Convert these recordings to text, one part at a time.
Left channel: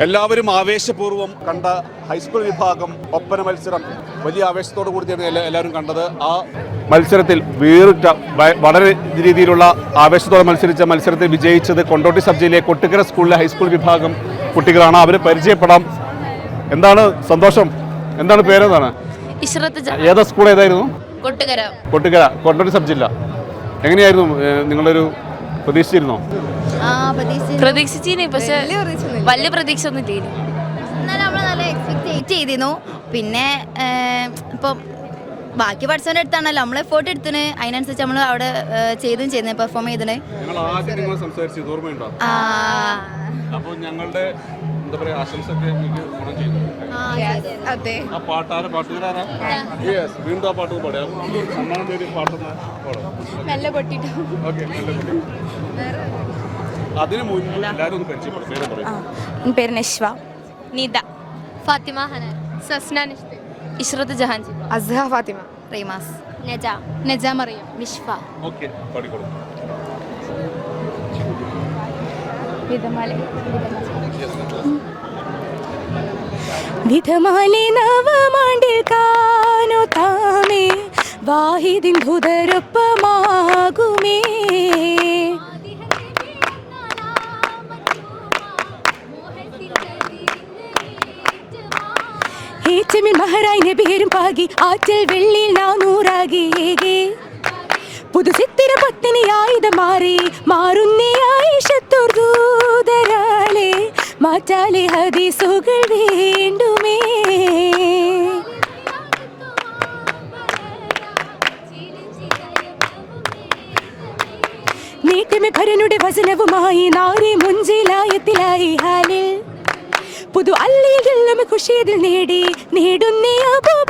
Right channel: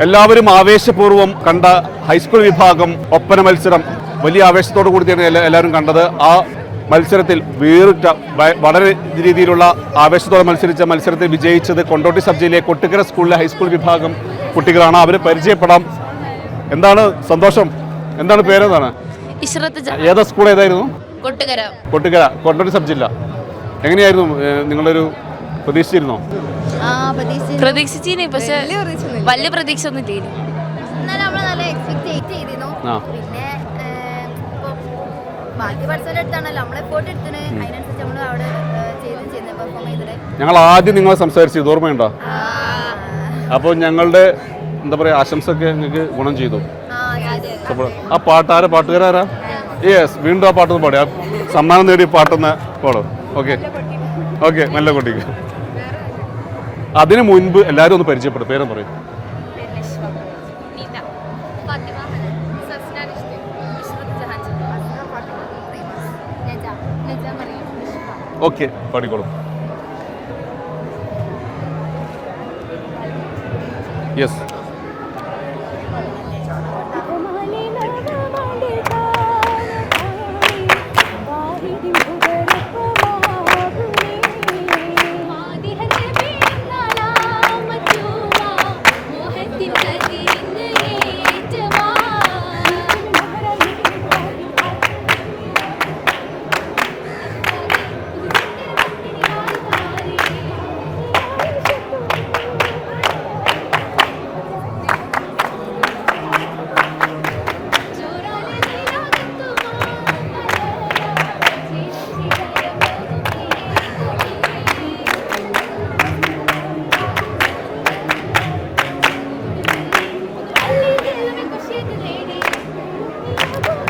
എല്ലാവരും ആവേശപൂർവം കണ്ട ഹൈസ്കൂൾ വിഭാഗം ഒപ്പന മത്സരം വലിയ ആവേശത്തോടു കൂടിയാണ് എല്ലാ- എല്ലാവരും കണ്ടത്. ആ മത്സരത്തിൽ വേറിട്ട വളരെ രീതിയിലുള്ള ആവേശത്തോടെ മത്സരിച്ച മത്സരത്തിൽ വിജയിച്ചത് കൊണ്ടോട്ടി സബ് ജില്ലയിലെ കൊട്ടിക്കര സ്കൂളിലെ ഹൈസ്കൂൾ വിഭാഗം കുട്ടികളാണ്. അവരെ പരിചയപ്പെടാം. എന്താണ് സന്തോഷം? എന്താണ് പേരെന്താണ്? ഏതാ സ്കൂൾ ഏതായിരുന്നു? കൊട്ടുകര. കൊട്ടിക്കര കൊണ്ടോട്ടി സബ് ജില്ല എങ്ങനെയായിരുന്നു നിങ്ങളൊരു പ്രതീക്ഷിച്ചിരുന്നോ? പ്രതീക്ഷിച്ചിന് പക്ഷെ വലിയ പ്രതീക്ഷ ഒന്നും ഇല്ല. എന്നാലും നമ്മൾ നല്ല എക്സ്പെക്ട് ചെയ്തിരുന്നു. പിന്നെ ഇപ്പൊ ബാക്കി പഠിച്ചവന്റെ അടുത്താണല്ലോ നമ്മൾ ഫോട്ടോ എടുത്തിന് അതിനനുസരിച്ച് നമ്മൾ അവിടെ ചെയ്തും ചെയ്യുന്നത് പെർഫോം ചെയ്തിന് ഞങ്ങൾ ആദ്യം നിങ്ങളെ സംസാരിച്ചു ഇത് ഓർമ്മയുണ്ടോ? അപ്പോൾ ഞങ്ങളുടെ എന്താ പറയാ ആശംസൊക്കെ നിങ്ങൾക്ക് ഗുണം ചെയ്തു. ആ പാട്ടാര പാട്ടുകാരാരാ? യെസ് വീണ്ടും ആ പാട്ടൊന്ന് പാടി. ആ സമ്മാനം നേടിയ പാട്ടൊന്ന് പാടും. ഓക്കെ. ഓക്കെ നല്ല കുട്ടി. അതിനു മുൻപ് എല്ലാവരും ഒന്ന് പരിചയപ്പെടും പേരെ പറയും. പേര് നശ്വ. നിത. ഫാത്തിമ ഹനൻ. സസ്ന ഇഷ്റത്ത് ജഹാൻ. അസ്ഹ ഫാത്തിമ. റീമാസ് നജ. നജ മറിയം. മിഷ്ഫ. ഓക്കെ പാടിക്കോളും. യെസ് വിധമാലി നവമാണ്ടിൽ താനോ താമേ. വാഹിദിൻ ഹുദരൊപ്പമാകുമേ പാകി ആറ്റൽ വെള്ളിൽ പുതു ചിത്തിര പത്തിനി ആയുധം മാറി മാറുന്നേ ആയിഷത്തുർദൂതരാലെ മാറ്റാലെ ഹദീസുകൾ വേണ്ടുമേ. നീക്കമേ ഭരനുടെ വചനവുമായി നാരി മുഞ്ചിലായത്തിലായി ഹാലിൽ. പുതു അല്ലിയെല്ലാം കുശേതിൽ നേടി നേടുന്നേ അബൂബക്കർ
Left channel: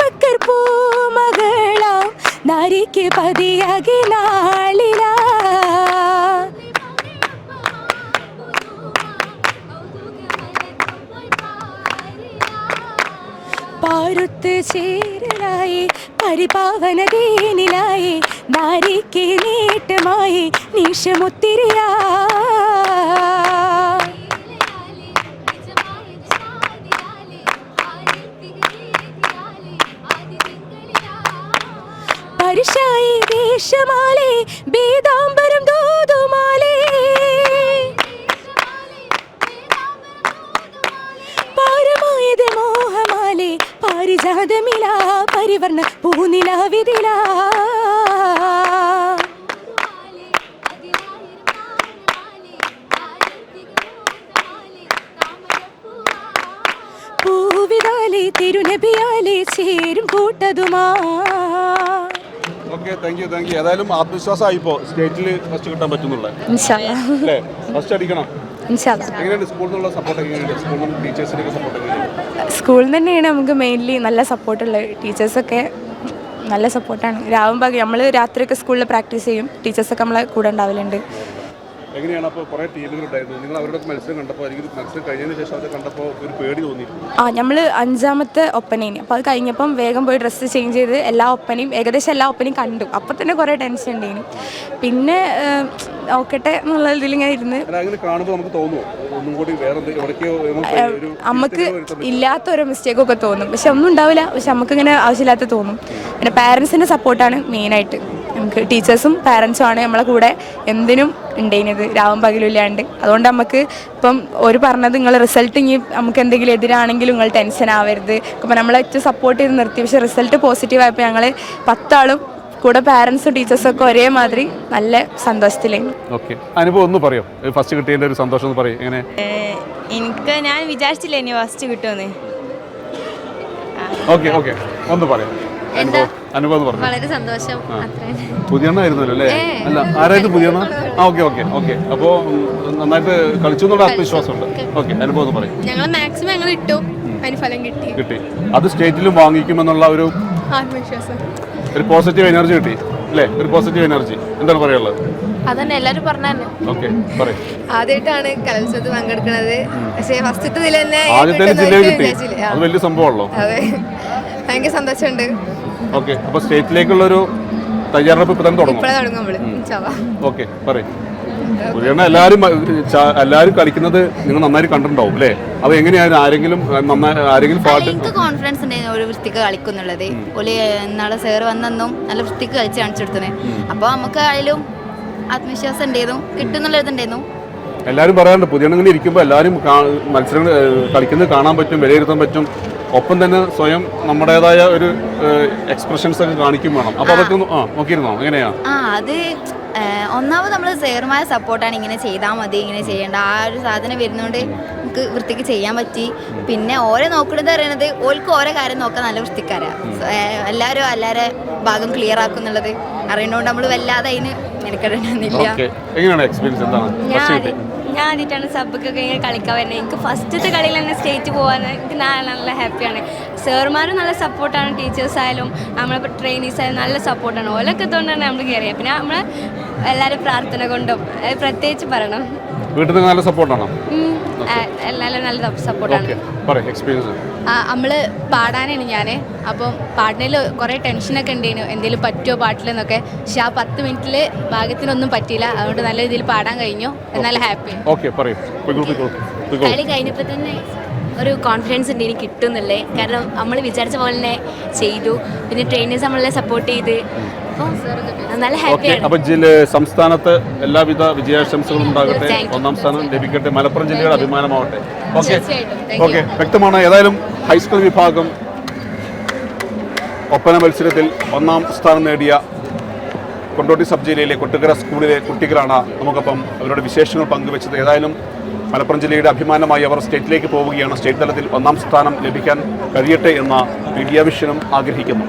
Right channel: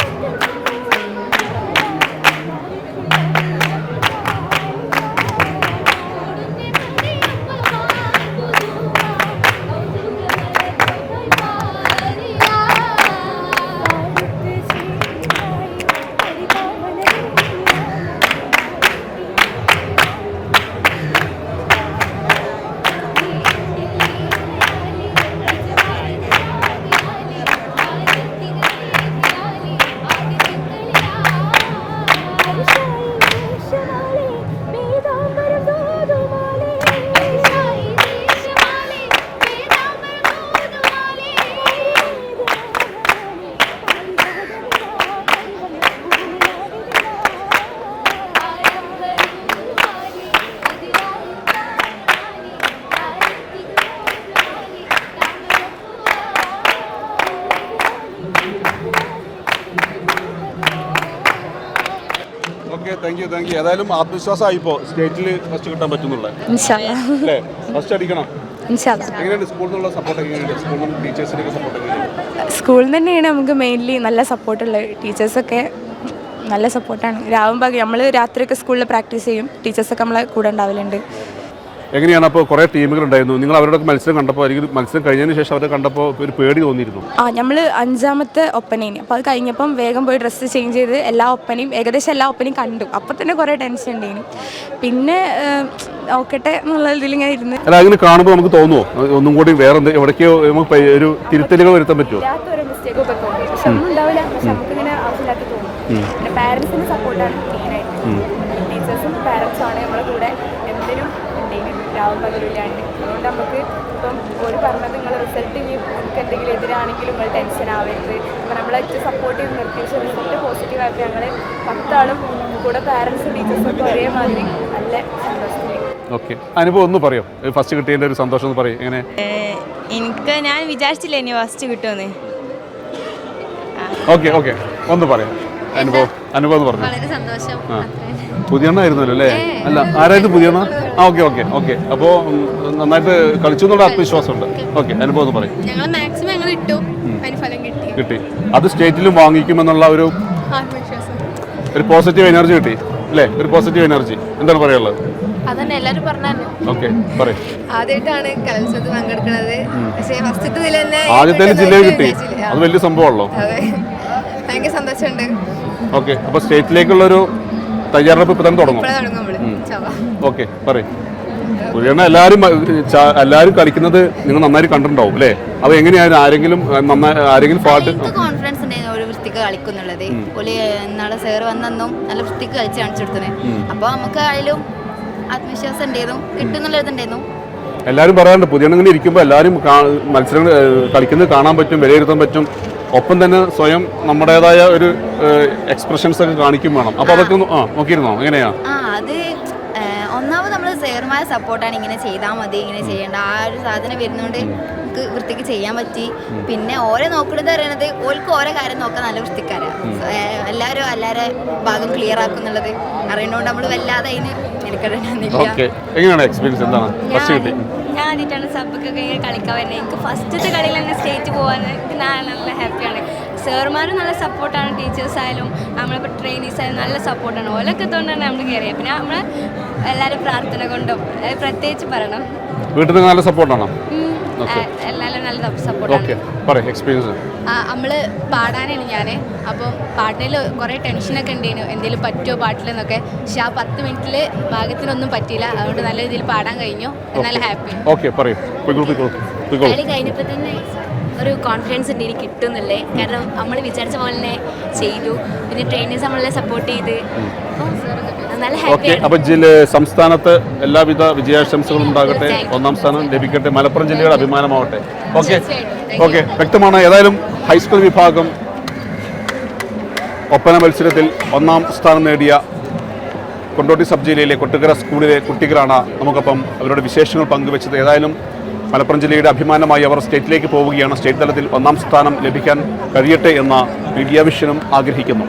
പരിപാവനതീനിലായി നാരിക്ക് നേട്ടമായി നിഷമുത്തിരിയാ പരിശായി വേഷമാലേ വേദാംബരം ദൂതുമാലേ. പാരമായത് മോഹമാലേ പാരിജാതമില പരിവർണ പൂനിലാവിതില തിരുനബിയാലേ ചേരും കൂട്ടതുമാ. Okay thank you thank you ഏതായാലും ആത്മവിശ്വാസമായി ഇപ്പോൾ സ്റ്റേറ്റിൽ ഫസ്റ്റ് കിട്ടാൻ പറ്റുന്നുള്ളത് അല്ലേ? ഫസ്റ്റ് അടിക്കണം. എങ്ങനെയുണ്ട്? സ്കൂളിൽ നിന്നുള്ള സപ്പോർട്ട് എങ്ങനെയുണ്ട്? സ്കൂളിൽ നിന്ന് സപ്പോർട്ട് എങ്ങനെയുണ്ട്? സ്കൂളിൽ തന്നെയാണ് നമുക്ക് മെയിൻലി നല്ല സപ്പോർട്ടുള്ളത് ടീച്ചേഴ്സൊക്കെ നല്ല സപ്പോർട്ടാണ് രാവും പകൽ നമ്മൾ രാത്രിയൊക്കെ സ്കൂളിൽ പ്രാക്ടീസ് ചെയ്യും. ടീച്ചേഴ്സൊക്കെ നമ്മളെ കൂടെ ഉണ്ടാവലുണ്ട്. എങ്ങനെയാണ് അപ്പോൾ കുറേ ടീമുകൾ ഉണ്ടായിരുന്നു നിങ്ങൾ അവരോടൊക്കെ മത്സരം കണ്ടപ്പോൾ അല്ലെങ്കിൽ മത്സരം കഴിഞ്ഞതിന് ശേഷം അവരെ കണ്ടപ്പോൾ ഒരു പേടി തോന്നിയിരുന്നു. ആ നമ്മൾ അഞ്ചാമത്തെ ഒപ്പനേന് അപ്പോൾ അത് കഴിഞ്ഞപ്പം വേഗം പോയി ഡ്രസ്സ് ചേഞ്ച് ചെയ്ത് എല്ലാ ഒപ്പനയും ഏകദേശം എല്ലാ ഒപ്പനയും കണ്ടു. അപ്പോൾ തന്നെ കുറേ ടെൻഷൻ ഉണ്ടായിരുന്നു പിന്നെ ഓക്കട്ടെ നോക്കട്ടെ എന്നുള്ള ഇതിൽ ഇങ്ങനെ ഇരുന്ന്. അല്ല അങ്ങനെ കാണുമ്പോൾ നമുക്ക് തോന്നുമോ ഒന്നും കൂടി വേറെ എവിടേക്കോ ഒരു തിരുത്തലുകൾ വരുത്താൻ പറ്റുമോ ഇല്ലാത്തൊരു മിസ്റ്റേക്ക് ഒക്കെ തോന്നും. പക്ഷെ ഒന്നും ഉണ്ടാവില്ല. പക്ഷെ നമുക്ക് ഇങ്ങനെ ആവശ്യമില്ലാത്ത തോന്നും. പിന്നെ പാരന്റ്സിന്റെ സപ്പോർട്ടാണ് മെയിനായിട്ട് ടീച്ചേഴ്സും പാരൻസും ആണ് നമ്മളെ കൂടെ എന്തിനും ഉണ്ടായിരുന്നത്. രാവും പകലും ഇല്ലാണ്ട്. അതുകൊണ്ട് നമുക്ക് ഇപ്പം ഒരു പറഞ്ഞത് നിങ്ങൾ റിസൾട്ട് ഇനി നമുക്ക് എന്തെങ്കിലും എതിരാണെങ്കിലും നിങ്ങൾ ടെൻഷൻ ആവരുത്. അപ്പം നമ്മളെ ഏറ്റവും സപ്പോർട്ട് ചെയ്ത് നിർത്തി. പക്ഷെ റിസൾട്ട് പോസിറ്റീവ് ആയപ്പോൾ ഞങ്ങൾ പത്താളും കൂടെ പാരൻസും ടീച്ചേഴ്സും ഒക്കെ ഒരേമാതിരി നല്ല സന്തോഷത്തിലേക്ക് ഓക്കെ അനുഭവം ഒന്ന് പറയോ? ഫസ്റ്റ് കിട്ടിയതിന്റെ ഒരു സന്തോഷം ഒന്ന് പറയും? എങ്ങനെ? എനിക്ക് ഞാൻ വിചാരിച്ചില്ല ഇനി ഫസ്റ്റ് കിട്ടുമെന്ന്. ഓക്കെ ഓക്കെ ഒന്ന് പറയാം? അനുഭവം. അനുഭവം പറഞ്ഞു. വളരെ സന്തോഷം. പുതിയണ്ണായിരുന്നല്ലോ അല്ലേ? അല്ല ആരായിരുന്നു പുതിയണ്ണ? ആ ഓക്കെ ഓക്കെ ഓക്കെ. അപ്പോൾ നന്നായിട്ട് കളിച്ചു എന്നുള്ള ആത്മവിശ്വാസമുണ്ട്. ഓക്കെ. അനുഭവം പറയും. ഞങ്ങൾ മാക്സിമം ഞങ്ങൾ ഇട്ടു. ഫലം കിട്ടി. കിട്ടി. അത് സ്റ്റേറ്റിലും വാങ്ങിക്കുമെന്നുള്ള ഒരു ആത്മവിശ്വാസം. ഒരു പോസിറ്റീവ് എനർജി കിട്ടി അല്ലേ? ഒരു പോസിറ്റീവ് എനർജി എന്താണ് പറയാനുള്ളത്? അതന്നെ എല്ലാരും പറഞ്ഞു ഓക്കെ പറയും. ആദ്യമായിട്ടാണ് കലോത്സവത്തിൽ പങ്കെടുക്കുന്നത് പക്ഷേ ഫസ്റ്റ് ഇതിൽ തന്നെ ആദ്യത്തെ ജില്ലയിൽ കിട്ടി. അത് വലിയ സംഭവമാണല്ലോ. അതെ. ഭയങ്കര സന്തോഷമുണ്ട്. ഓക്കെ അപ്പോൾ സ്റ്റേറ്റിലേക്കുള്ളൊരു തയ്യാറെടുപ്പ് ഇപ്പം തന്നെ തുടങ്ങും. ഓക്കെ പറയും. പുതിയ എല്ലാവരും എല്ലാവരും കളിക്കുന്നത് നിങ്ങൾ നന്നായി കണ്ടിട്ടുണ്ടാവും അല്ലേ? അത് എങ്ങനെയായിരുന്നു ആരെങ്കിലും നന്നായി ആരെങ്കിലും പാട്ട് കോൺഫിഡൻസ് ഉണ്ടായിരുന്നു ഒരു വൃത്തിക്ക് കളിക്കുന്നുള്ളത്. ഒലി നാളെ സാറ് വന്നെന്നും നല്ല വൃത്തിക്ക് കളിച്ച് കാണിച്ചു കൊടുത്തത്. അപ്പോൾ നമുക്ക് ആയാലും ആത്മവിശ്വാസം ഉണ്ടായിരുന്നു കിട്ടുന്നുള്ളതുണ്ടായിരുന്നു എല്ലാവരും പറയാറുണ്ട് പുതിയ ഇങ്ങനെ ഇരിക്കുമ്പോൾ എല്ലാവരും മത്സരങ്ങൾ കളിക്കുന്നത് കാണാൻ പറ്റും വിലയിരുത്താൻ പറ്റും. ഒപ്പം തന്നെ സ്വയം നമ്മുടേതായ ഒരു എക്സ്പ്രഷൻസ് ഒക്കെ കാണിക്കും വേണം. അപ്പോൾ അതൊക്കെ ഒന്ന് ആ നോക്കിയിരുന്നോ? എങ്ങനെയാ? ആ അത് ഒന്നാമത് നമ്മൾ സെയർമായ സപ്പോർട്ടാണ് ഇങ്ങനെ ചെയ്താൽ മതി ഇങ്ങനെ ചെയ്യേണ്ട. ആ ഒരു സാധനം വരുന്നതുകൊണ്ട് നമുക്ക് വൃത്തിക്ക് ചെയ്യാൻ പറ്റി. പിന്നെ ഓരെ നോക്കണത് പറയണത് ഓൾക്ക് ഓരോ കാര്യം നോക്കാൻ നല്ല വൃത്തിക്കാരാ. എല്ലാവരും എല്ലാവരെ ഭാഗം ക്ലിയർ ആക്കുന്നുള്ളത് അറിയണോണ്ട് നമ്മൾ വല്ലാതെ അതിന് മെനക്കെടുന്നില്ല എങ്ങനെയാണ് എക്സ്പീരിയൻസ് എന്താണ്? ഞാൻ ആദ്യമായിട്ടാണ് സബ്ബൊക്കെ ഇങ്ങനെ കളിക്കാൻ വരുന്നത്. എനിക്ക് ഫസ്റ്റത്തെ കളിയിൽ തന്നെ സ്റ്റേറ്റ് പോകാൻ എനിക്ക് നല്ല ഹാപ്പിയാണ് സാറുമാരും നല്ല സപ്പോർട്ടാണ് ടീച്ചേഴ്സ് ആയാലും നമ്മളിപ്പോൾ ട്രെയിനീസ് ആയാലും നല്ല സപ്പോർട്ടാണ് ഓലൊക്കെ തോണ്ടാണ് നമ്മൾ കയറിയത് പിന്നെ നമ്മൾ എല്ലാവരും പ്രാർത്ഥന കൊണ്ടും പ്രത്യേകിച്ച് പറയണം. വീട്ടിൽ നിന്ന് നല്ല സപ്പോർട്ടാണോ എല്ലാവരും നല്ല സപ്പോർട്ടാണ് എക്സ്പീരിയൻസ് നമ്മൾ പാടാനാണ് ഞാൻ അപ്പം പാടുന്നതിൽ കുറേ ടെൻഷനൊക്കെ ഉണ്ടായിരുന്നു എന്തെങ്കിലും പറ്റുമോ പാട്ടിലെന്നൊക്കെ. പക്ഷെ ആ പത്ത് മിനിറ്റിൽ ഭാഗത്തിനൊന്നും പറ്റിയില്ല. അതുകൊണ്ട് നല്ല രീതിയിൽ പാടാൻ കഴിഞ്ഞു. നല്ല ഹാപ്പി ഓക്കെ പറയൂ. കളി കഴിഞ്ഞപ്പോൾ തന്നെ ഒരു കോൺഫിഡൻസ് ഉണ്ട് ഇനി കിട്ടുന്നില്ലേ കാരണം നമ്മൾ വിചാരിച്ച പോലെ തന്നെ ചെയ്തു. പിന്നെ ട്രെയിനേഴ്സ് നമ്മളെ സപ്പോർട്ട് ചെയ്ത്. നല്ല അപ്പൊ സംസ്ഥാനത്ത് എല്ലാവിധ വിജയാശംസകളും ഉണ്ടാകട്ടെ. ഒന്നാം സ്ഥാനം ലഭിക്കട്ടെ. മലപ്പുറം ജില്ലയുടെ അഭിമാനമാവട്ടെ. ഓക്കെ ഓക്കെ വ്യക്തമാണ്. ഏതായാലും ഹൈസ്കൂൾ വിഭാഗം ഒപ്പന മത്സരത്തിൽ ഒന്നാം സ്ഥാനം നേടിയ കൊണ്ടോട്ടി സബ് ജില്ലയിലെ കൊട്ടുകര സ്കൂളിലെ കുട്ടികളാണ് നമുക്കൊപ്പം അവരുടെ വിശേഷങ്ങൾ പങ്കുവച്ചത്. ഏതായാലും മലപ്പുറം ജില്ലയുടെ അഭിമാനമായി അവർ സ്റ്റേറ്റിലേക്ക് പോവുകയാണ്. സ്റ്റേറ്റ് തലത്തിൽ ഒന്നാം സ്ഥാനം ലഭിക്കാൻ കഴിയട്ടെ എന്ന് മീഡിയ വിഷനും ആഗ്രഹിക്കുന്നു.